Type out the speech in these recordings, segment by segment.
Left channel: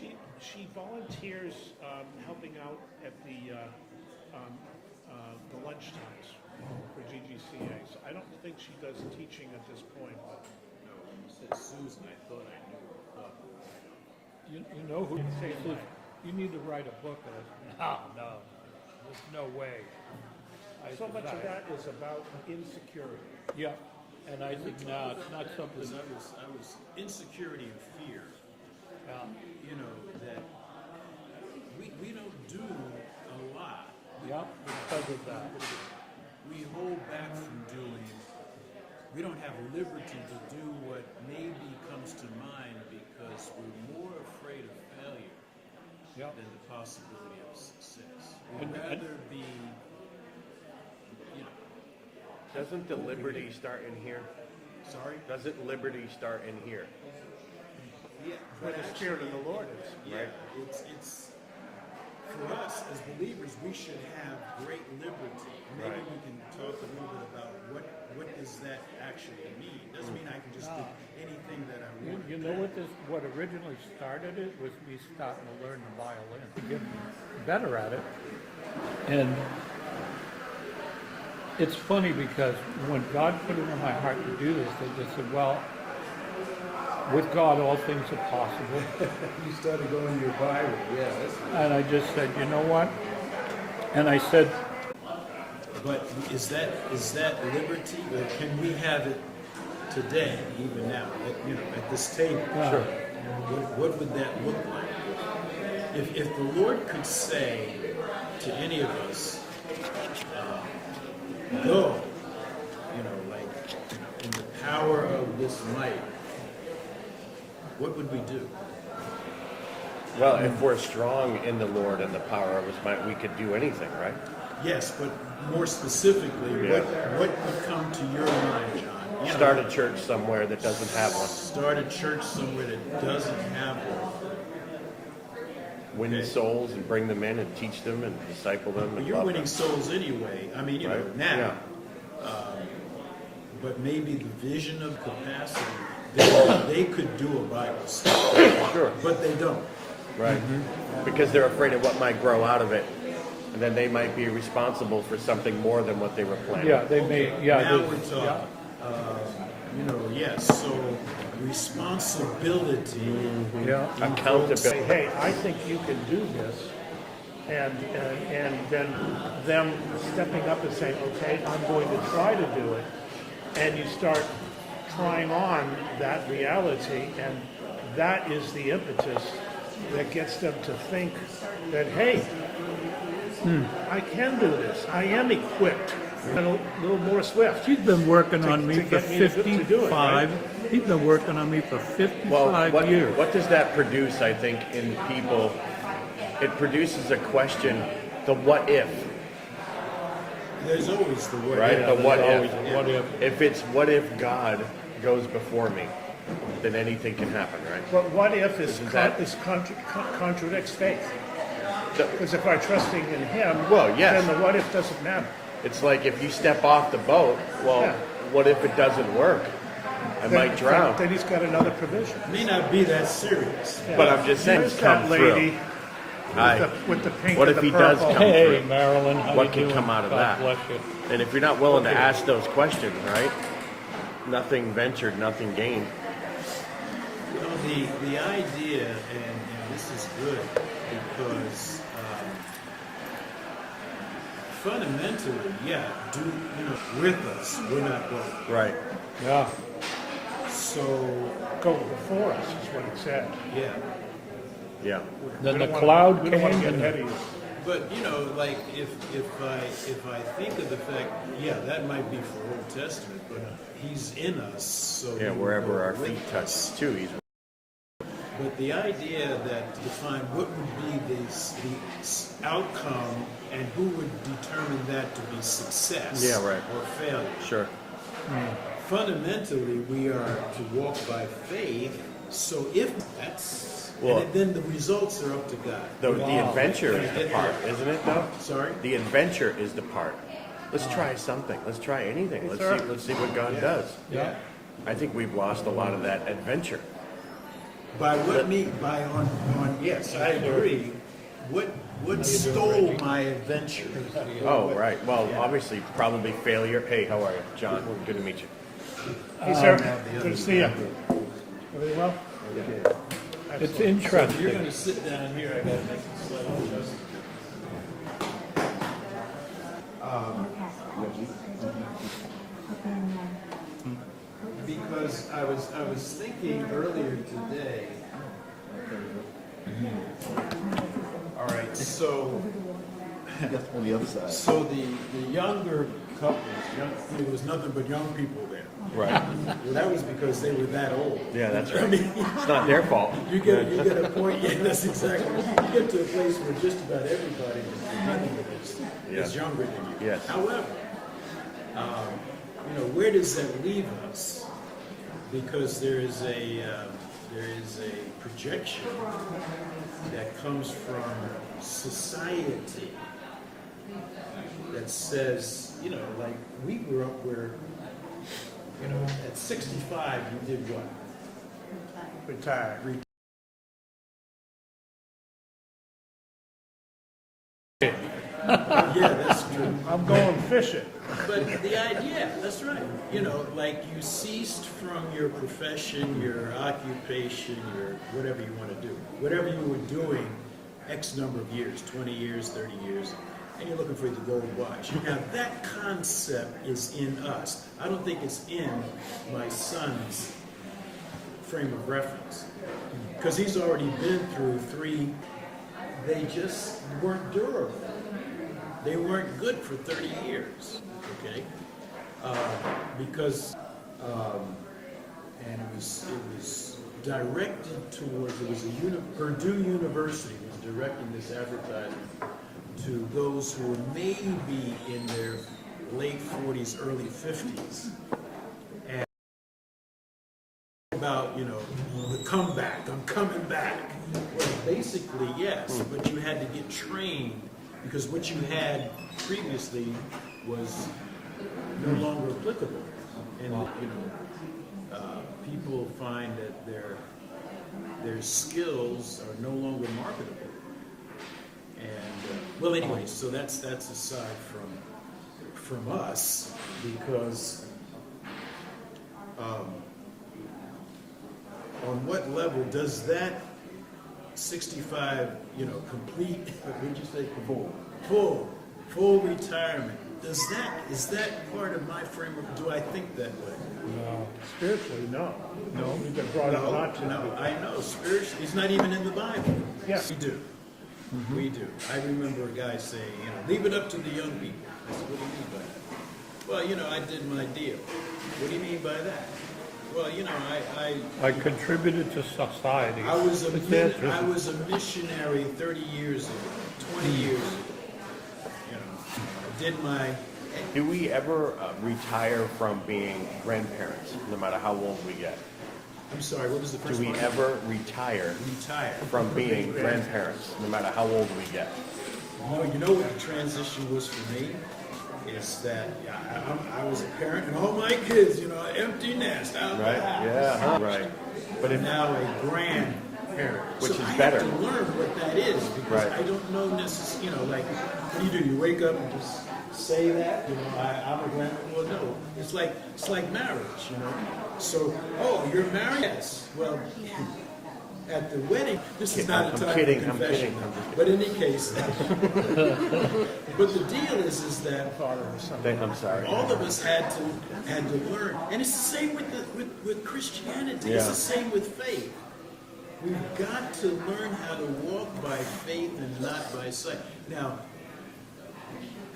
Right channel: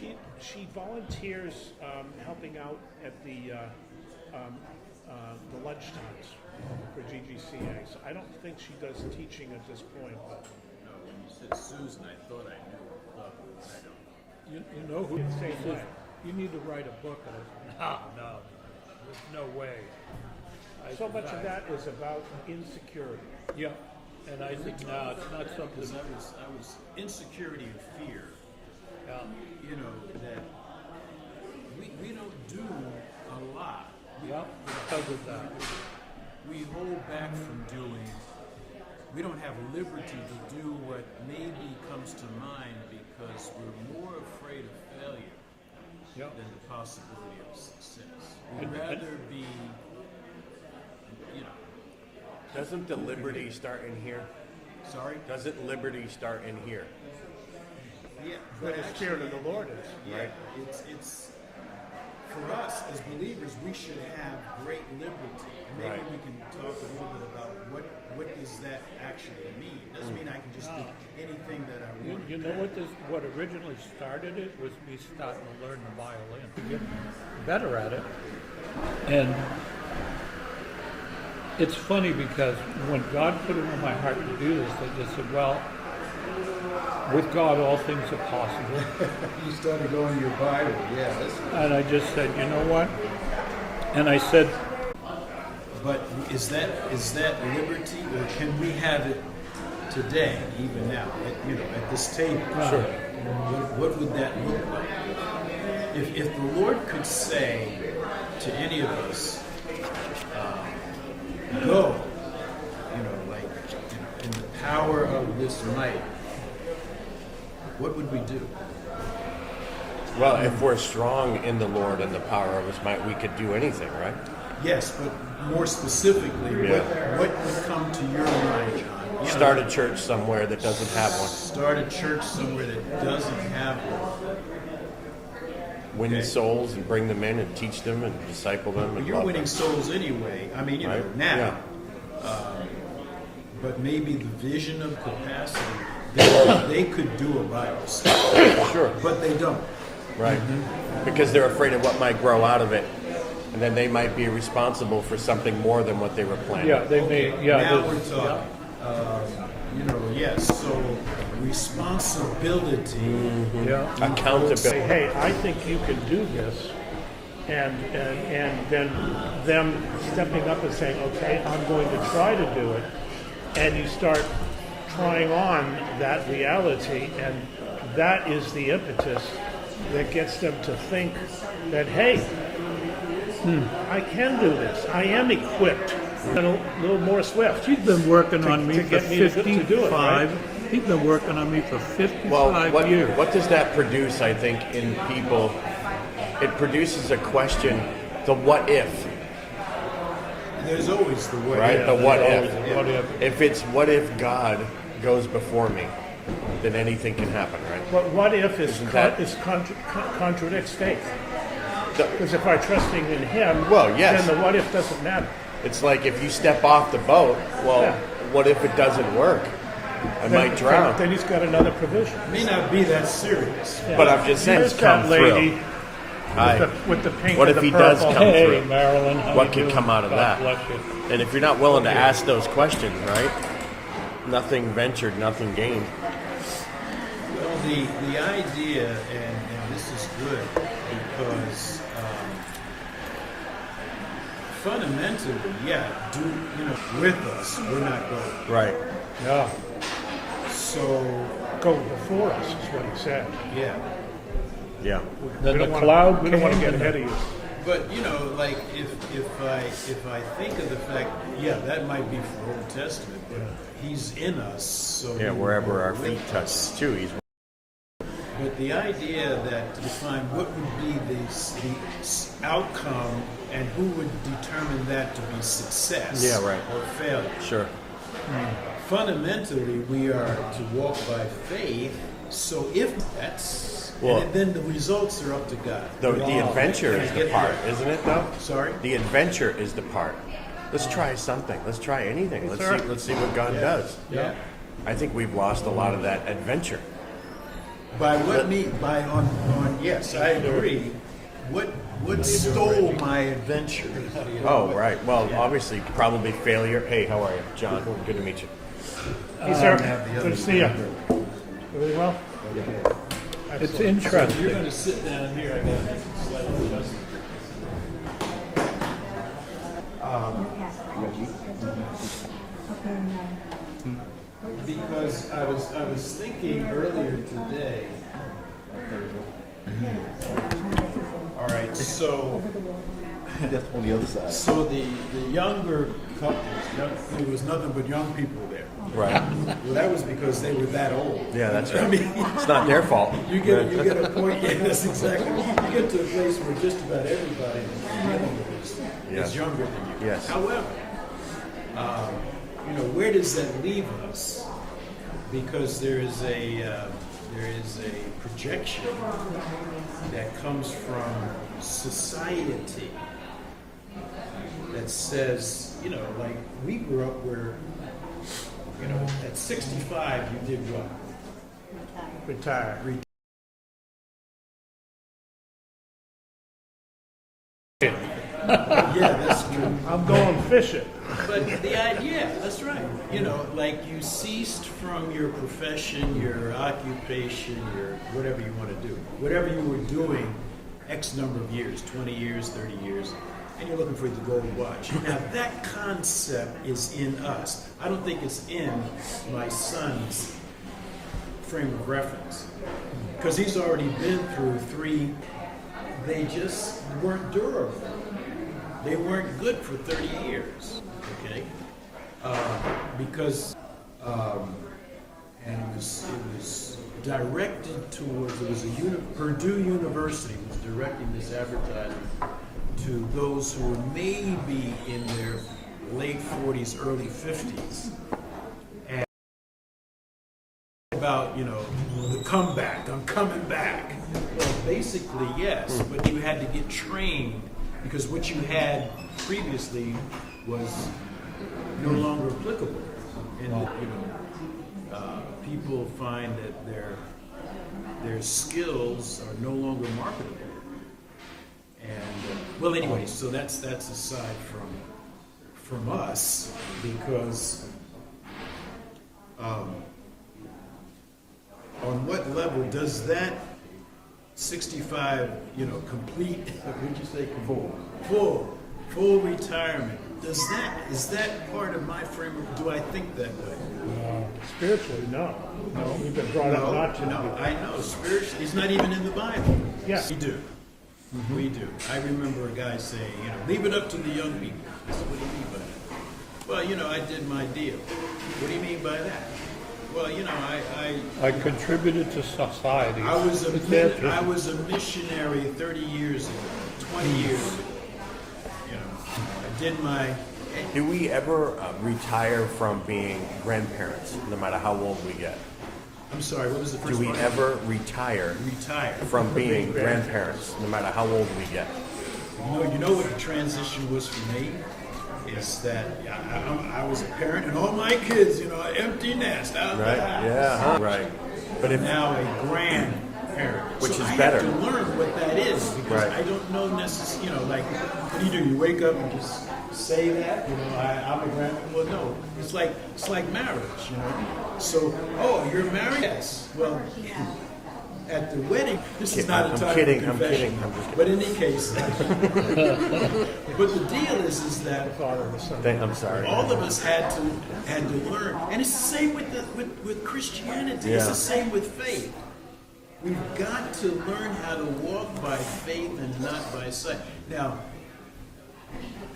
She volunteers helping out at the lunch times for GGCAs. I don't think she does teaching at this point, but No, when you said Susan, I thought I knew. But I don't. You know who Same way. you need to write a book on it. No way. so much of that is about insecurity. Yeah, and I think it's not something. Because I was insecurity and fear. You know that we don't do a lot. We hold back from doing. We don't have liberty to do what maybe comes to mind because we're more afraid of failure than the possibility of success. We'd rather be, Doesn't the liberty start in here? Sorry? Doesn't liberty start in here? Yeah. Where the Spirit of the Lord is. Right. It's for us as believers, we should have great liberty. Maybe Right. we can talk a little bit about what does that actually mean. Doesn't mean I can just do anything that I want. You know what originally started it was me starting to learn the violin, get better at it. And it's funny because when God put it in my heart to do this, I said, well, with God all things are possible. You started going to your Bible, yeah. And I just said, you know what? And I said, But is that liberty, or can we have it today, even now, at this table? Sure. What would that look like? If the Lord could say to any of us, go, in the power of this might, what would we do? Well, if we're strong in the Lord and the power of His might, we could do anything, right? Yes, but more specifically, Yeah. what would come to your mind, John? Start a church somewhere that doesn't have one. Start a church somewhere that doesn't have one. Win souls and bring them in and teach them and disciple them and You're love winning them. souls anyway. I mean, Right? now. Yeah. But maybe the vision of capacity, they could do a Bible study, Sure. but they don't. Right. Because they're afraid of what might grow out of it. And then they might be responsible for something more than what they were planning. yeah, they may, Now we're talking. Yes. So responsibility. yeah. Accountability. Hey, I think you can do this, and then them stepping up and saying, okay, I'm going to try to do it, and you start trying on that reality, and that is the impetus that gets them to think that, hey, I can do this. I am equipped. And a little more swift. She's been working on me to for get me to do it, 55. right? She's been working on me for 55 Well, years. what does that produce, I think, in people? It produces a question, the what if, There's always the what right? if. The what if. What if? If it's what if God goes before me, then anything can happen, right? But what if contradicts faith? The- Because if I'm trusting in Him, Well, yes. then the what if doesn't matter. It's like if you step off the boat, well, Yeah. what if it doesn't work? I might drown. Then He's got another provision. It may not be that serious. But I'm just saying, There's come that lady through. Aye. with the pink What and if the He does purple. come Hey, through? Marilyn, how What you can doing? come out of God that? bless you. And if you're not willing to ask those questions, right? Nothing ventured, nothing gained. Well, the idea, and this is good, because fundamentally, with us, we're not going. Right. Yeah. So, Go before us is what He said. yeah. Yeah. Then We the don't cloud wanna, we don't want to came get ahead of you. But like if I think of the fact, that might be for Old Testament, but He's in us. So Yeah, wherever our feet touch, too, He's. But the idea that to define what would be the outcome and who would determine that to be success Yeah, right. or failure. Sure. Fundamentally, we are to walk by faith. So if that's, Well, then the results are up to God. The adventure is the part, isn't it, though? Sorry? The adventure is the part. Let's try something. Let's try anything. Let's see what God does. Yeah. I think we've lost a lot of that adventure. By what mean? By on yes, I agree. What stole my adventure? Oh, right. Well, obviously, probably failure. Hey, how are you, John? Good to meet you. Hey, sir. Good to see you. Really well? It's Excellent. interesting. You're going to sit down here. I got to make a slight adjustment. Because I was thinking earlier today. All right, so That's on the other side. so the younger couples, there was nothing but young people there. Right. Well, that was because they were that old. Yeah, that's I right. mean, It's not their fault. you get a point. Yeah, that's exactly. You get to a place where just about everybody Yes. is younger than you. Yes. However, where does that leave us? Because there is a projection that comes from society that says, like we grew up where, at 65 you did what? Retire. Yeah, that's true. I'm going fishing. But the idea, that's right. Like you ceased from your profession, your occupation, your whatever you want to do. Whatever you were doing X number of years, 20 years, 30 years, and you're looking for the gold watch. Now that concept is in us. I don't think it's in my son's frame of reference. Because he's already been through 3, they just weren't durable. They weren't good for 30 years, okay? Because, and it was directed towards, it was Purdue University was directing this advertisement to those who were maybe in their late 40s, early 50s. And about, the comeback, I'm coming back. Well, basically, yes, but you had to get trained because what you had previously was no longer applicable. And people find that their skills are no longer marketable. And well, anyway, so that's aside from us because on what level does that 65, complete, what did you say? Full retirement. Is that part of my framework? Do I think that way? Spiritually, no. We've been brought up not to. No, I know. Spiritually, it's not even in the Bible. Yes. We do. We do. I remember a guy saying, leave it up to the young people. I said, what do you mean by that? Well, I did my deal. What do you mean by that? Well, I contributed to society. I was a missionary 30 years ago, 20 years ago. I did my. Do we ever retire from being grandparents, no matter how old we get? I'm sorry, what was the first Do we part? ever retire from being grandparents, no matter how old we get? You know what the transition was for me? Is that I was a parent and all my kids, empty nest out Right? the house. Yeah. Huh? Right. But if Now a grandparent. Which So is I better. have to learn what that is because Right. I don't know necessarily, like, what do? You wake up and just say that, I'm a grandparent. Well, no, it's like marriage, So, you're married? Yes. Well, at the wedding, this is not a time I'm kidding. for I'm confession. kidding. I'm just kidding. But in any case, but the deal is that Father and Son. I'm sorry. all of us had to learn, and it's the same with Christianity. It's Yeah. the same with faith. We've got to learn how to walk by faith and not by sight. Now,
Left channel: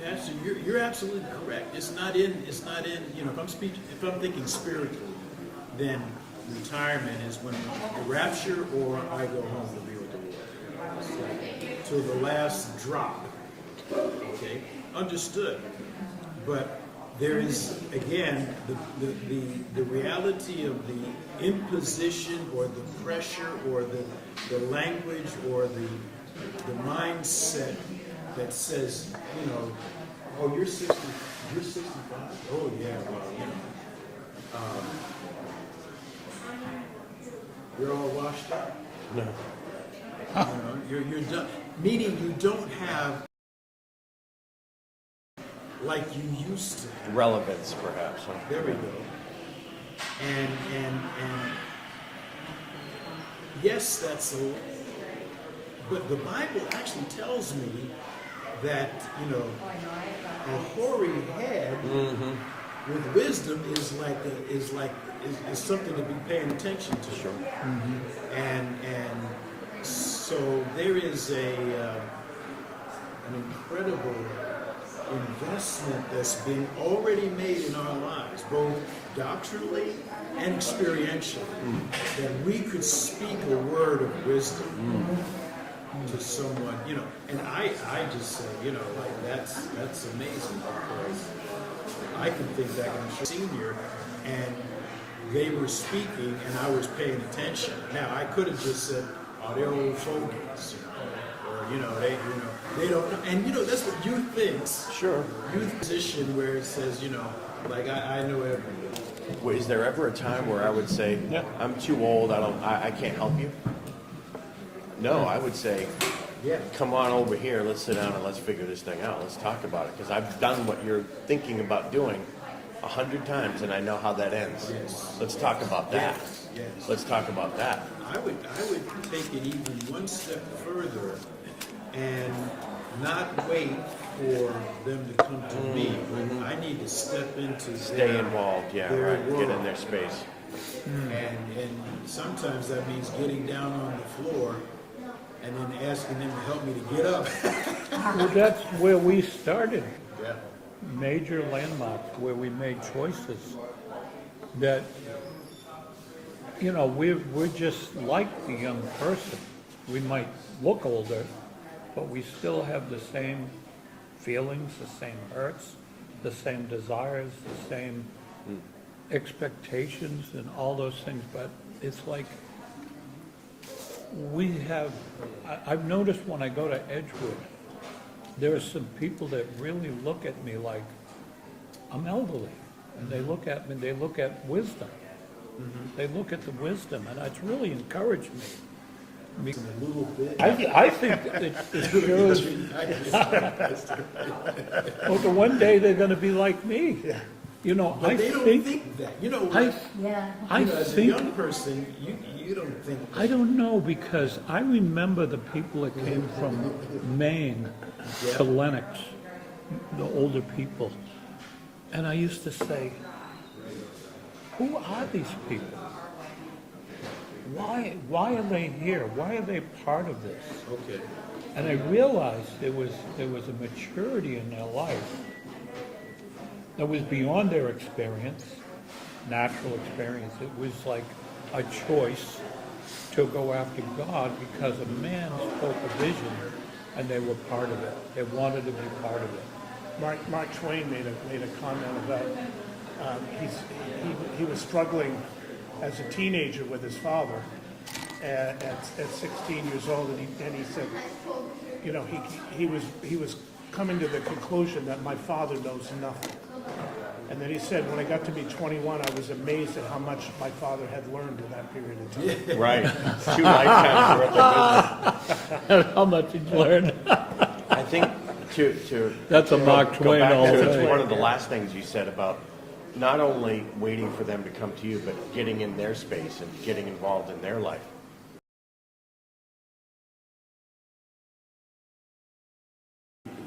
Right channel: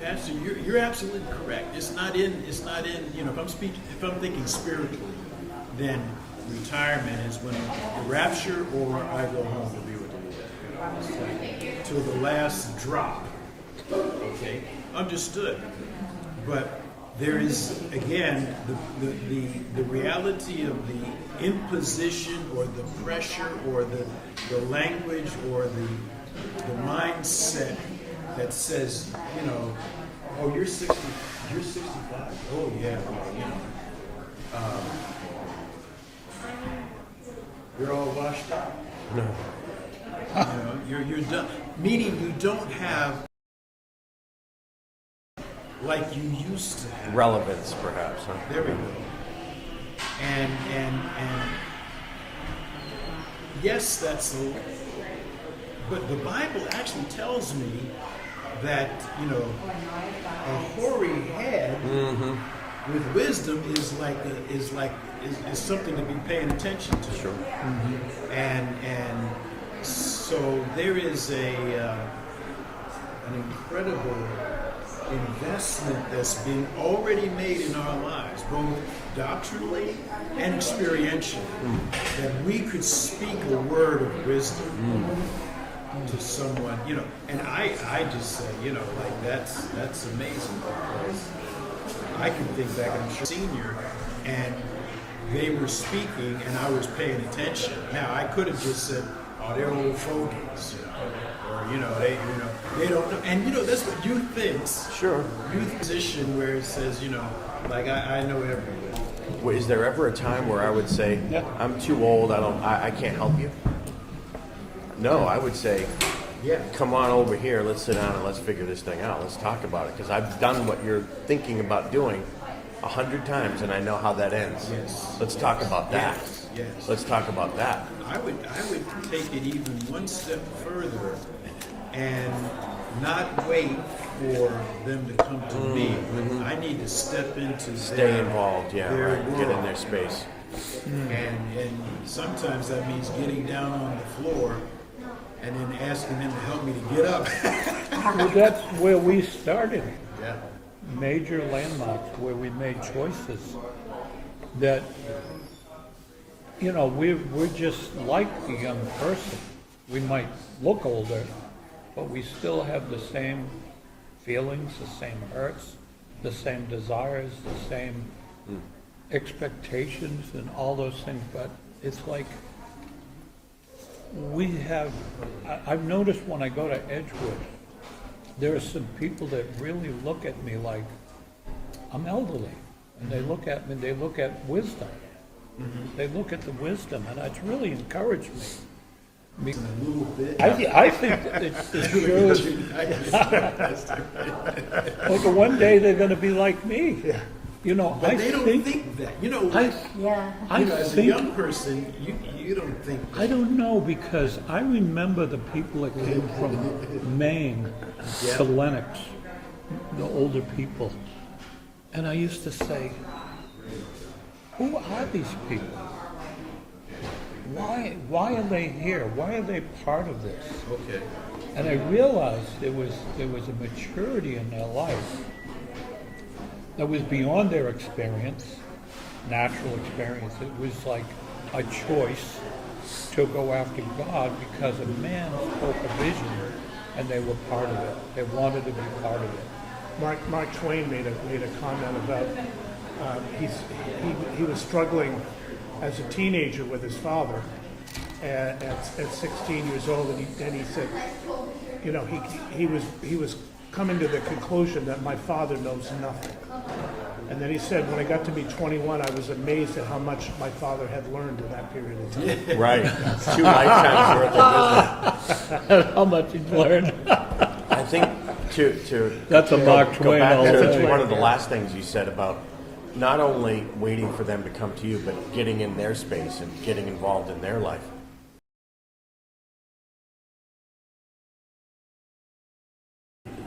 Pastor, you're absolutely correct. It's not in. If I'm thinking spiritually, then retirement is when the rapture or I go home to be with the Lord. It's like till the last drop. Okay, understood. But there is again the reality of the imposition or the pressure or the language or the mindset that says, you're 60, you're 65. Oh yeah, well, you're all washed out. No. You know, you're done. Meaning you don't have like you used to have. Relevance, perhaps. Huh? There we go. And yes, that's a. But the Bible actually tells me that a hoary head with wisdom is something to be paying attention to. Sure. And so there is an incredible investment that's been already made in our lives, both doctrinally and experientially, that we could speak a word of wisdom to someone, and I just say, like that's amazing, because I can think back on a senior and they were speaking and I was paying attention. Now I could have just said, "Oh, they're old fogies," or they don't know. And that's what youth thinks. Sure. Youth position where it says, like I know everything. Well, is there ever a time where I would say, I'm too old, I can't help you? No, I would say, Yeah. come on over here, let's sit down and let's figure this thing out. Let's talk about it, because I've done what you're thinking about doing 100 times, and I know how that ends. Yes. Let's talk about that. Yes. Let's talk about that. I would take it even one step further and not wait for them to come to me. I need to step into Stay involved, yeah, their right. Get in world. their space. And sometimes that means getting down on the floor and then asking them to help me to get up. Well, that's where we started. Yeah. Major landmarks where we made choices that, we're just like the young person. We might look older, but we still have the same feelings, the same hurts, the same desires, the same expectations and all those things. But it's like I've noticed when I go to Edgewood, there are some people that really look at me like I'm elderly. And they look at me, they look at wisdom. They look at the wisdom, and it's really encouraged me. A little bit. I think that it shows. Well, one day they're going to be like me. Yeah. But they don't think that. As a think, young person, you don't think that. I don't know, because I remember the people that came from Maine to Lenox, the older people. And I used to say, who are these people? Why are they here? Why are they part of this? Okay. And I realized there was a maturity in their life that was beyond their experience, natural experience. It was like a choice to go after God because a man spoke a vision and they were part of it. They wanted to be part of it. Mark Twain made a comment about he was struggling as a teenager with his father at 16 years old, and he said, he was coming to the conclusion that my father knows nothing. And then he said, when I got to be 21, I was amazed at how much my father had learned in that period of time. Right. 2 lifetimes worth of wisdom. How much he's learned. I think to That's a go Mark Twain back to also. one of the last things you said about not only waiting for them to come to you, but getting in their space and getting involved in their life.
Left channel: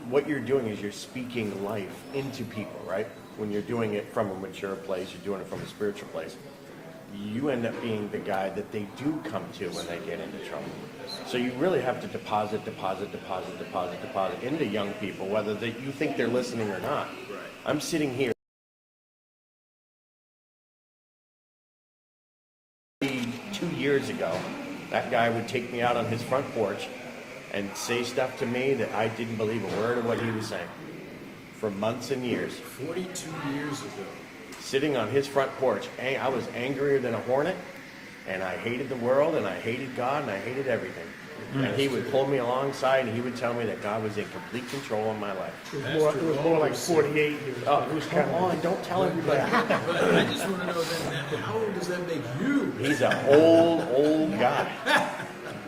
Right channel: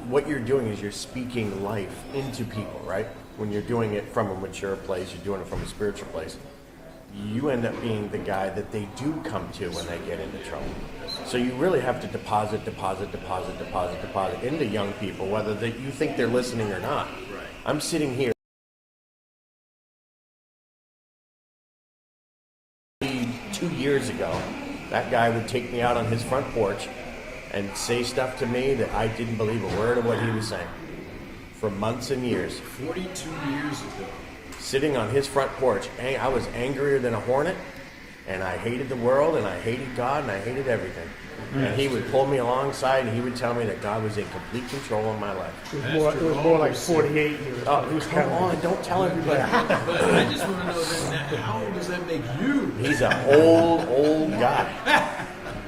What you're doing is you're speaking life into people, right? When you're doing it from a mature place, you're doing it from a spiritual place. You end up being the guy that they do come to when they get into trouble. So you really have to deposit into young people, whether you think they're listening or not. Right. I'm sitting here 2 years ago, that guy would take me out on his front porch and say stuff to me that I didn't believe a word of what he was saying for months and years. 42 years ago. Sitting on his front porch, I was angrier than a hornet, and I hated the world, and I hated God, and I hated everything. And he would pull me alongside, and he would tell me that God was in complete control of my life. It was more like 48 years. Oh, He was come on, don't tell everybody. But I just want to know then, how old does that make you? He's an old guy.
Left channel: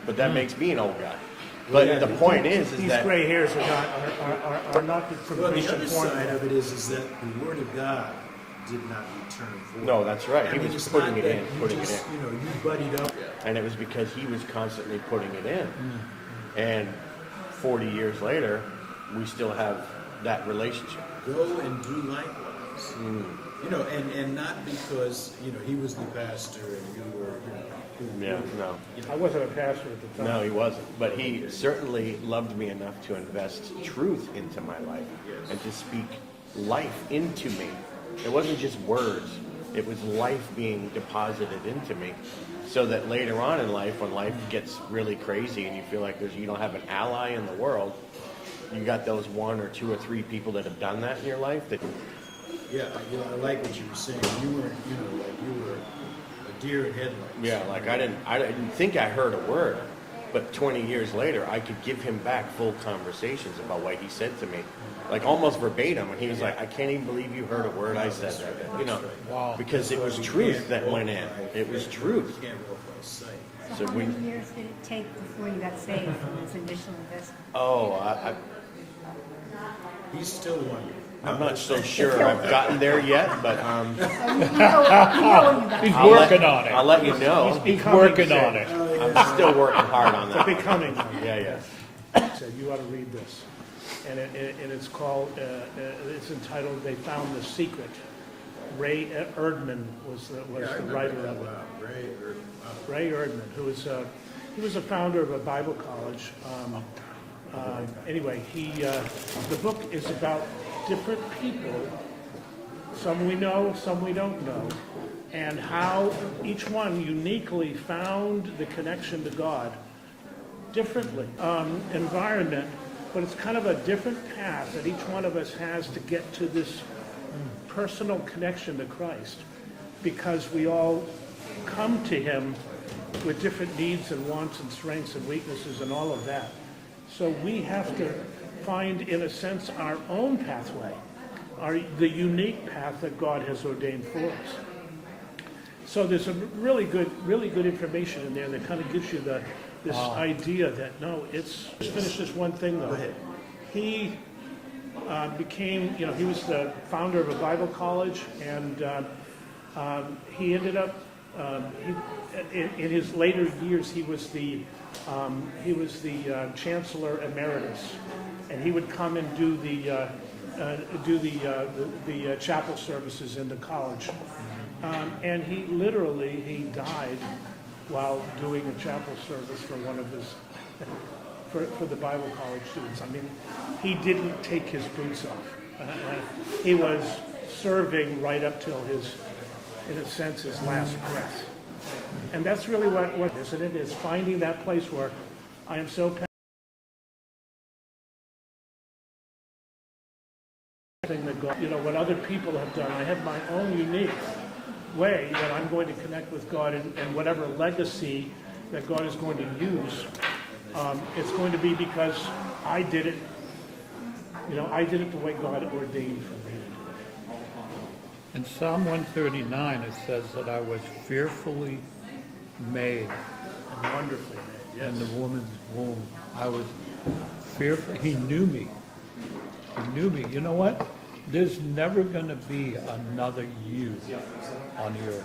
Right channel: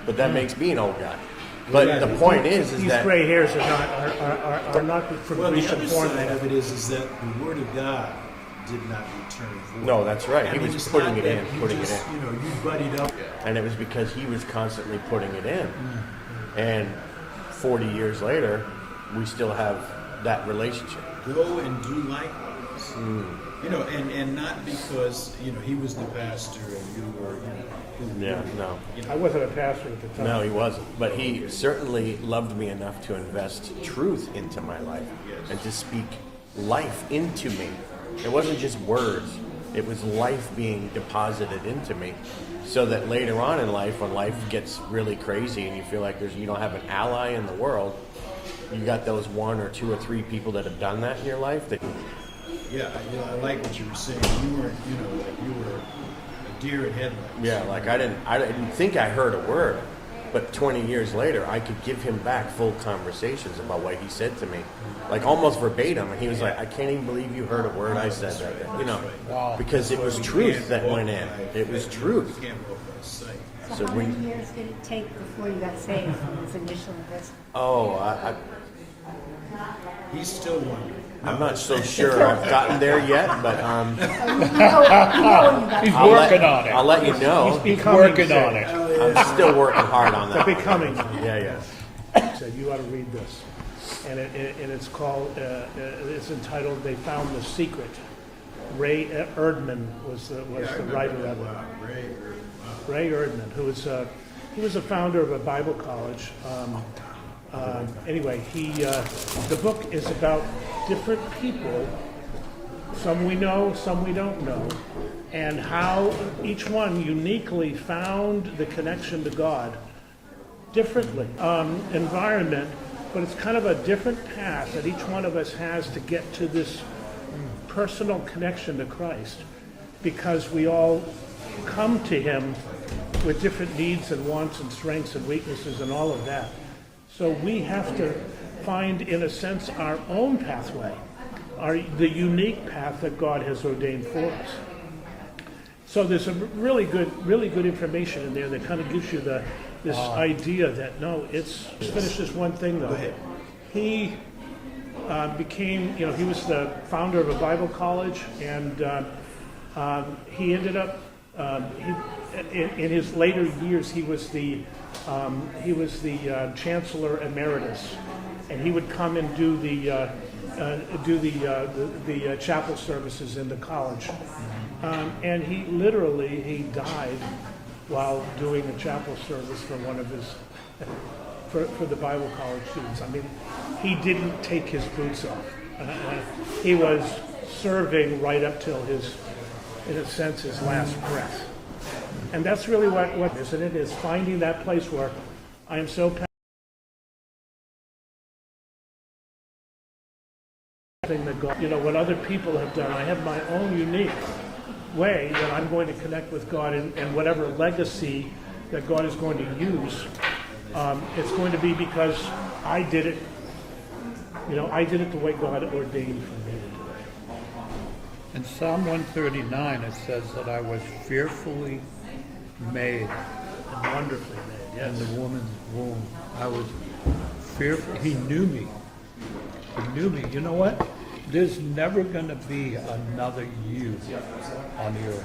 But that makes me an old guy. But the point is These that... gray hairs are not for Well, the recent other form. side of it is that the Word of God did not return void. No, that's right. He I mean, was it's putting not it that in, you putting just, it in. You know, you buddied up. And it was because he was constantly putting it in. And 40 years later, we still have that relationship. Go and do likewise. You know, and not because, you know, he was the pastor and you were, Yeah, no. I wasn't a pastor at the time. No, he wasn't. But he certainly loved me enough to invest truth into my life and to speak life into me. It wasn't just words. It was life being deposited into me so that later on in life, when life gets really crazy and you feel like you don't have an ally in the world, you got those one or two or three people that have done that in your life. That Yeah, I like what you were saying. You weren't, you know, like you were a deer in headlights. Yeah, like I didn't think I heard a word, but 20 years later, I could give him back full conversations about what he said to me, like almost verbatim, and he was like, "I can't even believe you heard a word I said that day," you know, because it was truth that went in. It was truth. You can't walk by sight. So How when, many years did it take before you got saved from his initial investment? He's still wondering. I'm not so sure I've gotten there yet, but He's I'll working on it. I'll let you know. He's Becoming working so. on it. I'm still working hard on that. Becoming. Yeah. So you ought to read this, and it's called. It's entitled "They Found the Secret." Ray Erdman was the writer of it. Ray Erdman, who was he was the founder of a Bible college. Anyway, the book is about different people. Some we know, some we don't know, and how each one uniquely found the connection to God differently. Environment, but it's kind of a different path that each one of us has to get to this personal connection to Christ, because we all come to Him with different needs and wants and strengths and weaknesses and all of that. So we have to find, in a sense, our own pathway, the unique path that God has ordained for us. So there's some really good information in there that kind of gives you this idea that, no, it's... Let's finish this one thing, though. He became, he was the founder of a Bible college, and he ended up, in his later years, he was the chancellor emeritus, and he would come and do the chapel services in the college, and he died while doing a chapel service for one of his for the Bible college students. I mean, he didn't take his boots off. He was serving right up till in a sense, his last breath. And that's really what isn't it? Is finding that place where I am so passionate that God, what other people have done. I have my own unique way that I'm going to connect with God, and whatever legacy that God is going to use, it's going to be because I did it. I did it the way God ordained for me. In Psalm 139, it says that I was fearfully made And wonderfully made, yes. in the woman's womb. I was fearful. He knew me. He knew me. You know what? There's never going to be another you on the earth.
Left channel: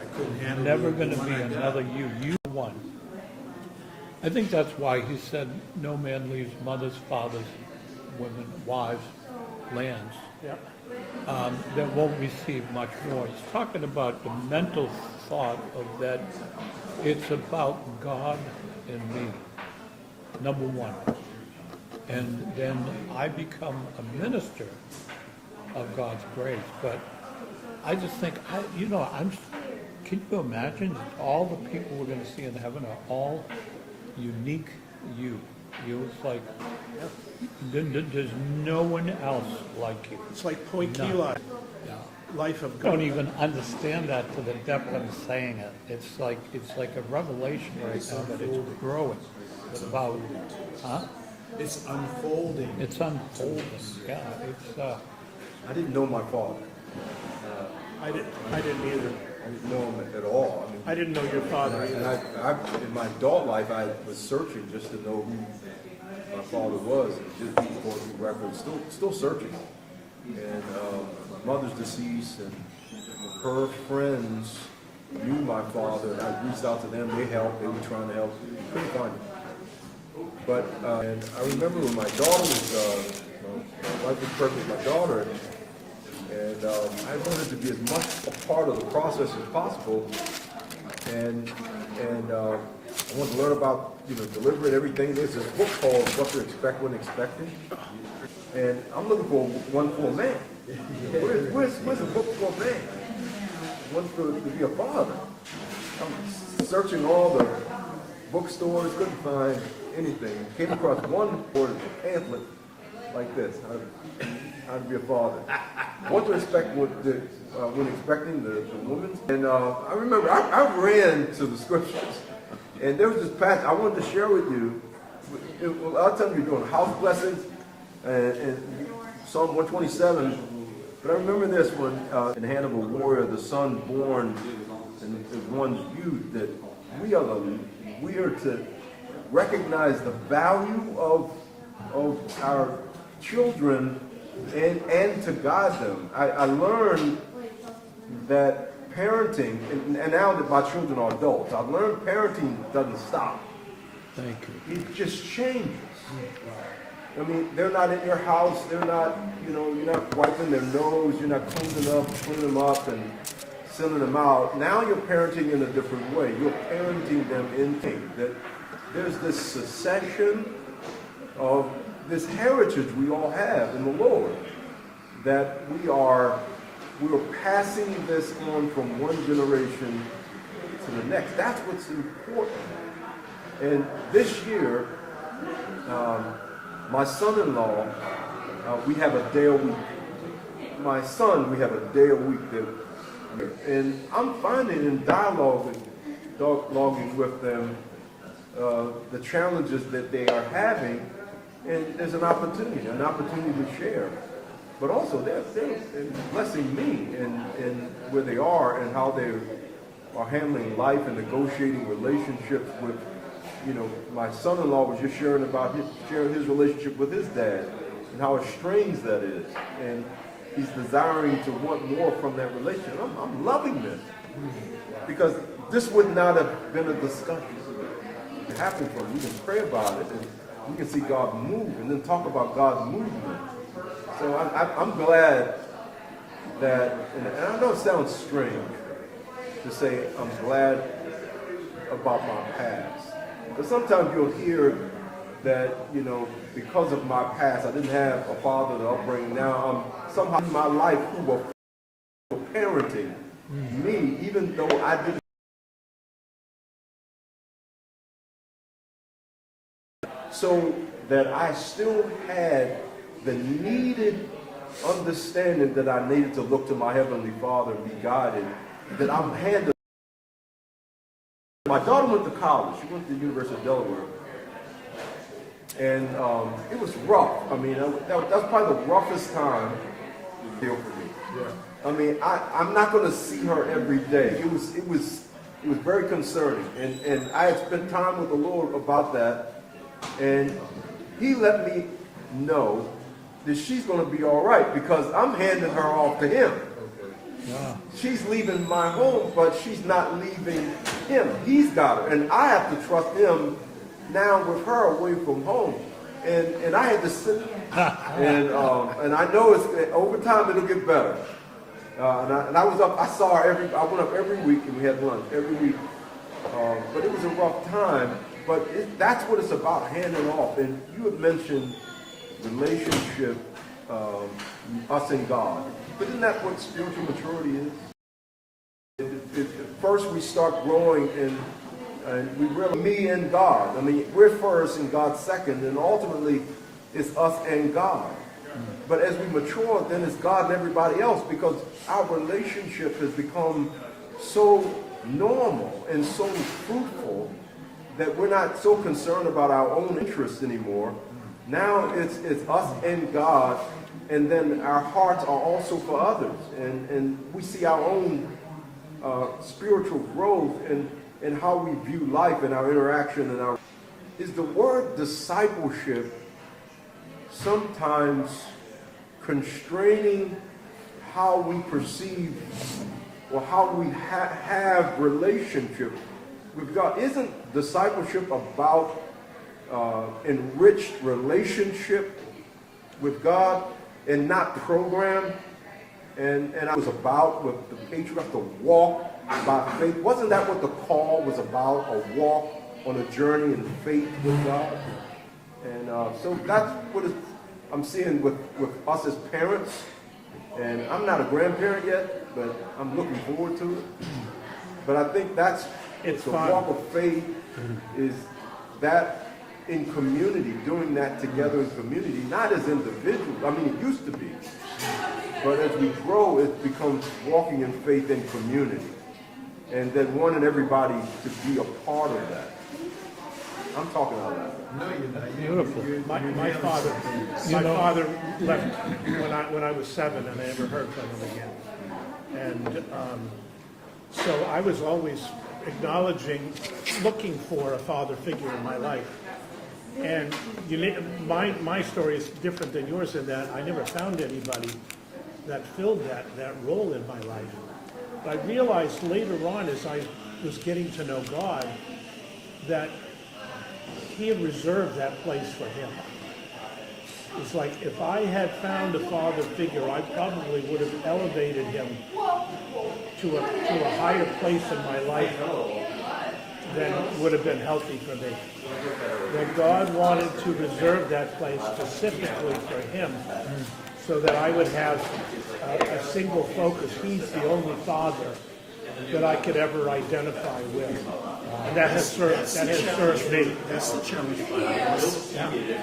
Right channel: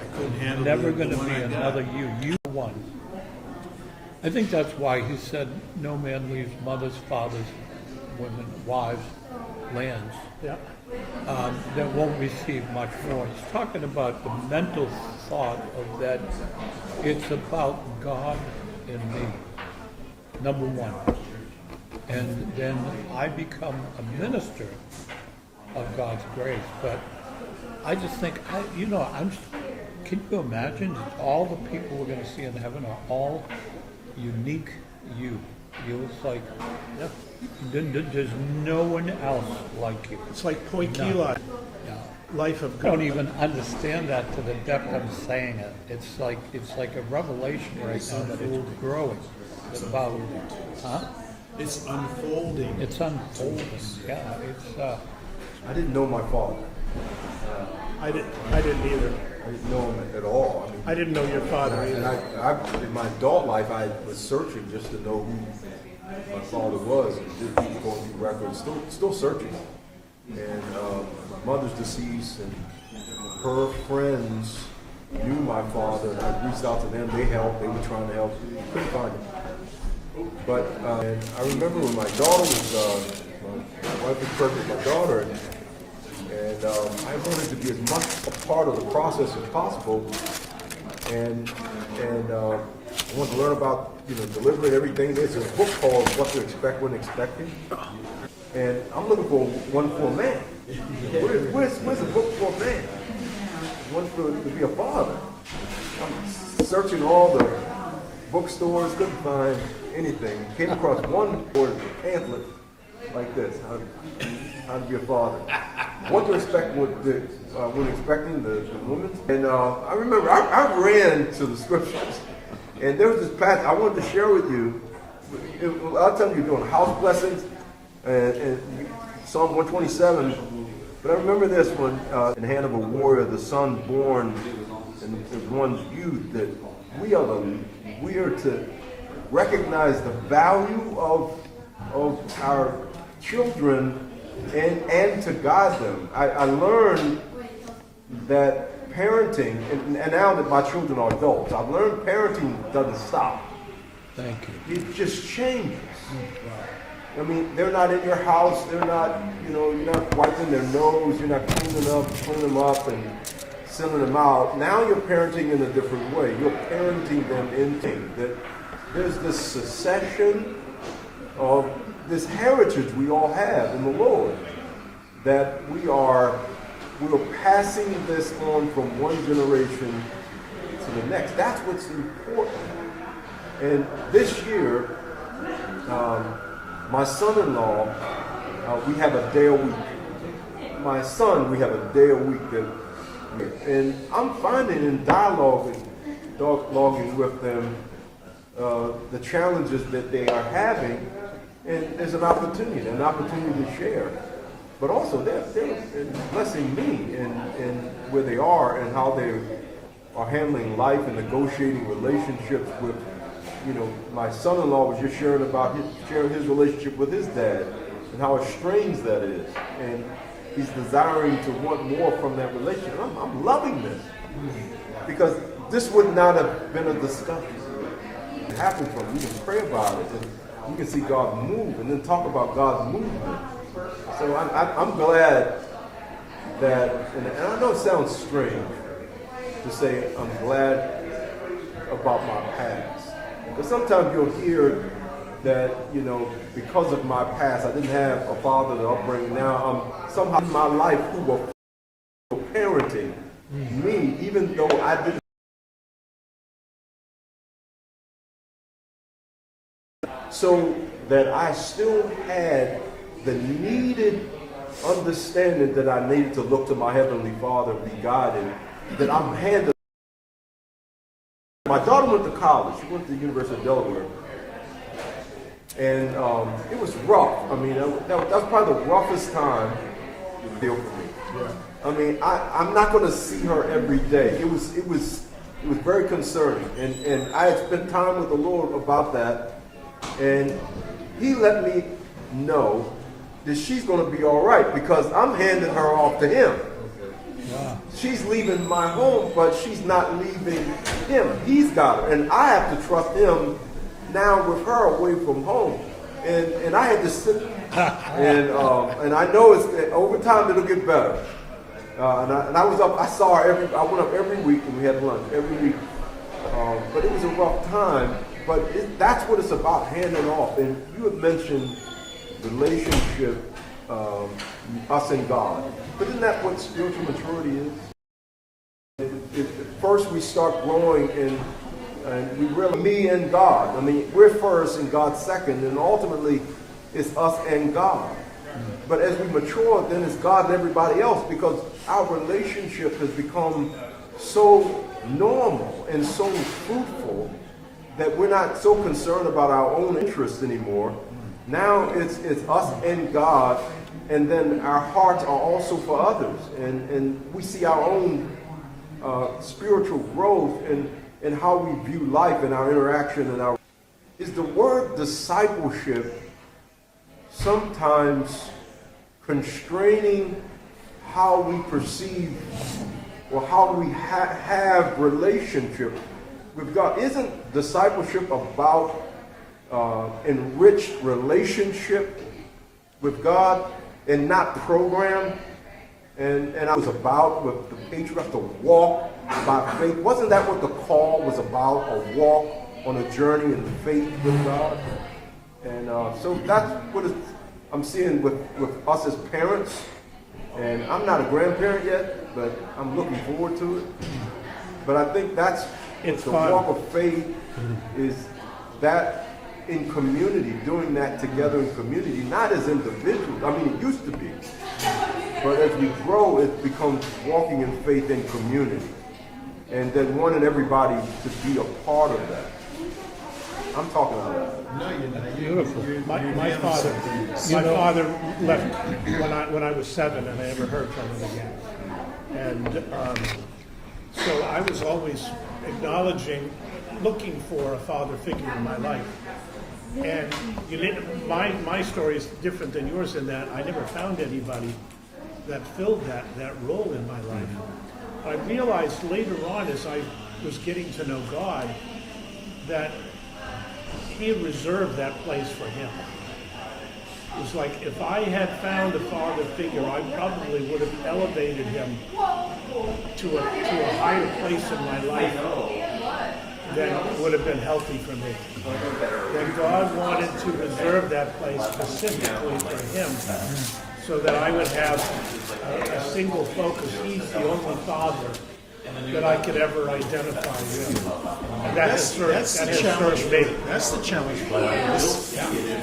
I couldn't handle Never the going to one be I got. another you. You are one. I think that's why he said, no man leaves mothers, fathers, women, wives, lands. Yeah. That won't receive much more. He's talking about the mental thought of that it's about God and me, number one. And then I become a minister of God's grace. But I just think, can you imagine all the people we're going to see in heaven are all unique you. It's like, there's no one else like you. It's like Poikila, life of I don't God. even understand that to the depth I'm saying it. It's like a revelation right now that it's growing. It's about, huh? It's unfolding. It's unfolding. Yeah, it's I didn't know my father. I didn't either. I didn't know him at all. I mean, I didn't know your father and either. I in my adult life, I was searching just to know who my father was, and just going through records, still searching. And my mother's deceased, and her friends knew my father. I reached out to them. They helped. They were trying to help. Couldn't find him. But and I remember when my daughter was, my wife was pregnant with my daughter, and I wanted to be as much a part of the process as possible. And I wanted to learn about delivery and everything. There's this book called What to Expect When Expecting, and I'm looking for one for a man. Where's a book for a man? One to be a father. I'm searching all the bookstores, couldn't find anything. Came across one pamphlet like this: how to be a father. What to expect when expecting the woman. And I remember I ran to the scriptures, and there was this passage I wanted to share with you. I'll tell you, you're doing house blessings and Psalm 127. But I remember this one, in the hand of a warrior, the son born in one's youth, that we are to recognize the value of our children and to guide them. I learned that parenting, and now that my children are adults, I've learned parenting doesn't stop. thank you. It just changes. I mean, they're not in your house. They're not, you're not wiping their nose. You're not cleaning them up and sending them out. Now you're parenting in a different way. You're parenting them into that there's this succession of this heritage we all have in the Lord, that we're passing this on from one generation to the next. That's what's important. And this year, my son-in-law, we have a day a week. My son, we have a day a week and I'm finding in dialoguing with them the challenges that they are having, and there's an opportunity to share. But also they're blessing me in where they are and how they are handling life and negotiating relationships with. My son-in-law was just sharing his relationship with his dad and how estranged that is, and he's desiring to want more from that relationship. I'm loving this because this would not have been a discussion. It happened from we can pray about it and we can see God move and then talk about God's movement. So I'm glad that, and I know it sounds strange to say I'm glad about my past. Because sometimes you'll hear that, because of my past, I didn't have a father to upbring. Now I'm somehow in my life who were parenting me, even though I didn't. So that I still had the needed understanding that I needed to look to my Heavenly Father and be guided, that I'm handling. My daughter went to college. She went to the University of Delaware. And it was rough. I mean, that was probably the roughest time deal for me. Yeah. I mean, I'm not going to see her every day. It was very concerning. And I had spent time with the Lord about that. And He let me know that she's going to be all right because I'm handing her off to Him. She's leaving my home, but she's not leaving Him. He's got her. And I have to trust Him now with her away from home. And I had to sit and I know over time it'll get better. And I was up, I saw her I went up every week and we had lunch every week. But it was a rough time. But that's what it's about, handing off. And you had mentioned relationship, us and God. But isn't that what spiritual maturity is? First we start growing and we really, me and God. I mean, we're first and God's second, and ultimately it's us and God. But as we mature, then it's God and everybody else, because our relationship has become so normal and so fruitful that we're not so concerned about our own interests anymore. Now it's us and God, and then our hearts are also for others, and we see our own spiritual growth and how we view life and our interaction and our. Is the word discipleship sometimes constraining how we perceive or how we have relationship with God? Isn't discipleship about enriched relationship with God and not program? And I was about with the patriarchs to walk by faith. Wasn't that what the call was about? A walk on a journey in faith with God? And so that's what I'm seeing with us as parents. And I'm not a grandparent yet, but I'm looking forward to it. But I think that's the walk of faith is that in community, doing that together in community, not as individuals. I mean, it used to be. But as we grow, it becomes walking in faith in community. And then wanting everybody to be a part of that. I'm talking out loud. No, you're not. Beautiful. My father left when I was 7, and I never heard from him again. And So I was always acknowledging, looking for a father figure in my life. And my story is different than yours in that I never found anybody that filled that role in my life. I realized later on as I was getting to know God that He reserved that place for him. It's like if I had found a father figure, I probably would have elevated him to a higher place in my life than would have been healthy for me. And God wanted to reserve that place specifically for him, so that I would have a single focus. He's the only father that I could ever identify with. And That's the challenge. That's the challenge for us.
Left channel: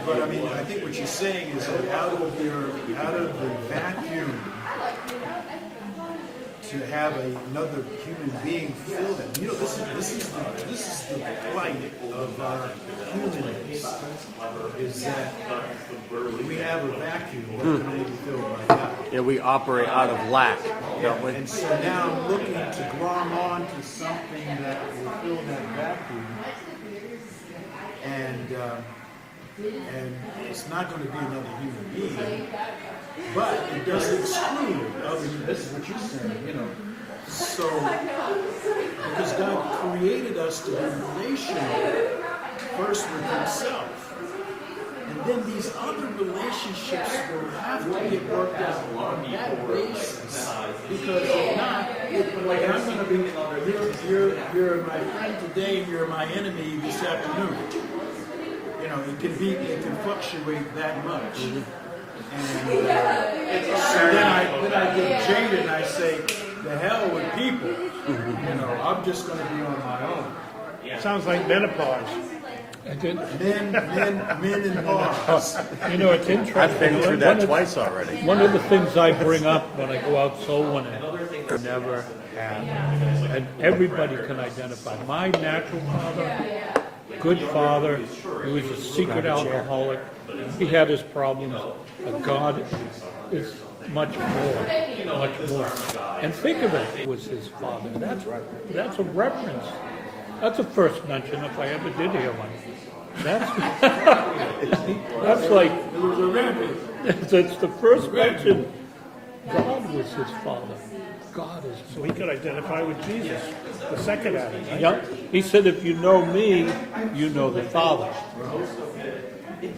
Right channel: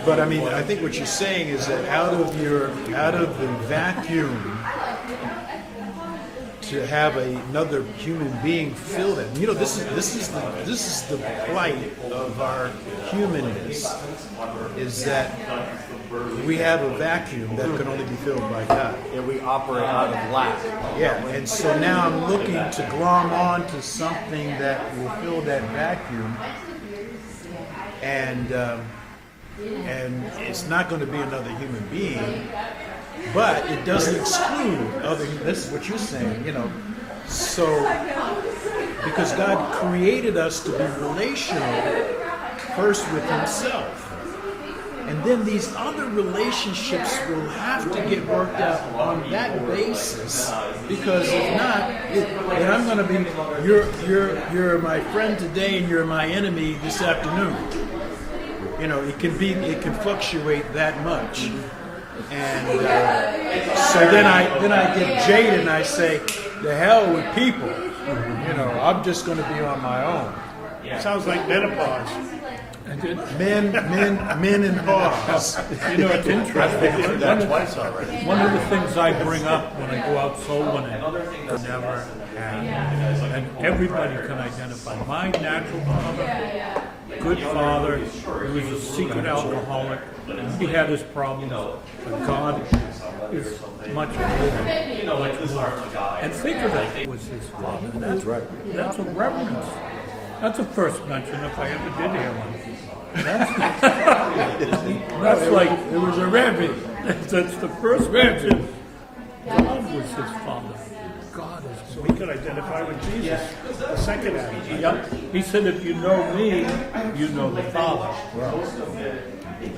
But I mean, I think what you're saying is that out of the vacuum, to have another human being fill it. You know, this is the plight of our humanness. Is that we have a vacuum that can only be filled by God. Yeah, we operate out of lack. Yeah, and so now I'm looking to glom on to something that will fill that vacuum, and it's not going to be another human being, but it doesn't exclude other. This is what you're saying, you know. So, because God created us to be relational first with Himself. And then these other relationships will have to get worked out on that basis, because if not, then I'm going to be you're my friend today and you're my enemy this afternoon. You know, it can fluctuate that much, and so then I get jaded and I say, the hell with people. You know, I'm just going to be on my own. sounds like menopause. Men in pause. You know, it's interesting. I've been through that twice already. One of the things I bring up when I go out soul winning, never had, and everybody can identify. My natural father, good father, he was a secret alcoholic. He had his problems, but God is much more. And think of it, he was his father. That's right. That's a reverence. That's a first mention if I ever did hear one. That's like It was a rampage. That's the first mention. God was his father. God is. So he could identify with Jesus. The second act. Yep. He said, if you know me, you know the Father. And